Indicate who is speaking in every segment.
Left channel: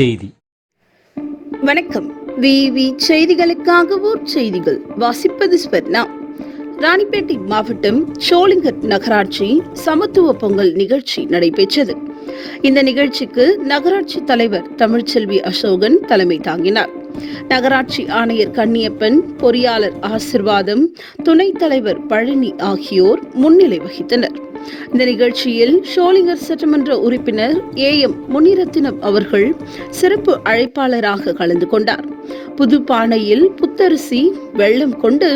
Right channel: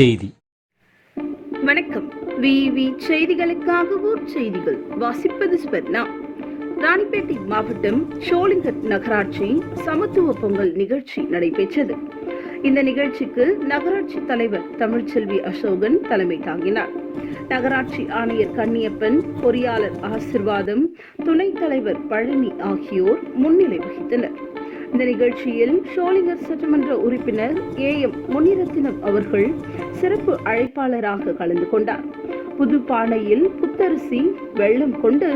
Speaker 1: செய்தி.
Speaker 2: வணக்கம். விவி செய்திகளுக்காக ஊர் செய்திகள் வாசிப்பது ஸ்வர்ணா. ராணிப்பேட்டை மாவட்டம் சோளிங்கர் நகராட்சி சமத்துவ பொங்கல் நிகழ்ச்சி நடைபெற்றது. இந்த நிகழ்ச்சிக்கு நகராட்சி தலைவர் தமிழ்ச்செல்வி அசோகன் தலைமை தாங்கினார். நகராட்சி ஆணையர் கண்ணியப்பன் பொறியாளர் ஆசிர்வாதம் துணைத் தலைவர் பழனி ஆகியோர் முன்னிலை வகித்தனர். இந்த நிகழ்ச்சியில் ஷோலிங்கர் சட்டமன்ற உறுப்பினர் ஏ எம் முனிரத்தினம் அவர்கள் சிறப்பு அழைப்பாளராக கலந்து கொண்டார். புதுப்பானையில் புத்தரிசி வெள்ளம் கொண்டு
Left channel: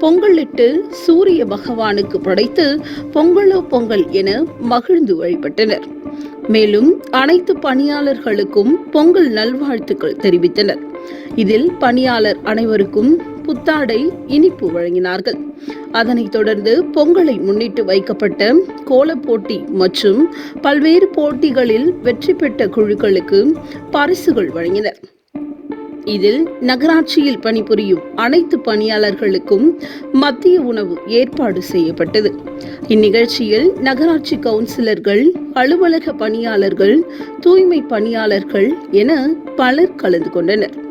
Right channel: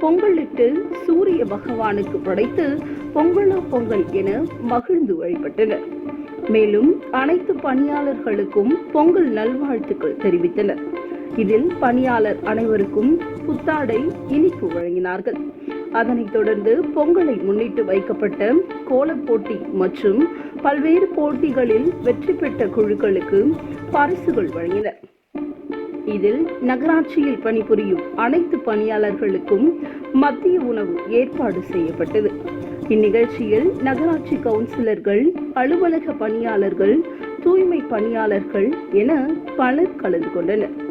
Speaker 2: பொங்கலிட்டு சூரிய பகவானுக்கு படைத்து பொங்கலோ பொங்கல் என மகிழ்ந்து வழிபட்டனர். மேலும் அனைத்து பணியாளர்களுக்கும் பொங்கல் நல்வாழ்த்துக்கள் தெரிவித்தனர். இதில் பணியாளர் அனைவருக்கும் புத்தாடை இனிப்பு வழங்கினார்கள். அதனைத் தொடர்ந்து பொங்கலை முன்னிட்டு வைக்கப்பட்ட கோலப் போட்டி மற்றும் பல்வேறு போட்டிகளில் வெற்றி பெற்ற குழுக்களுக்கு பரிசுகள் வழங்கினர். இதில் நகராட்சியில் பணிபுரியும் அனைத்து பணியாளர்களுக்கும் மத்திய உணவு ஏற்பாடு செய்யப்பட்டது. இந்நிகழ்ச்சியில் நகராட்சி கவுன்சிலர்கள் அலுவலக பணியாளர்கள் தூய்மை பணியாளர்கள் என பலர் கலந்து கொண்டனர்.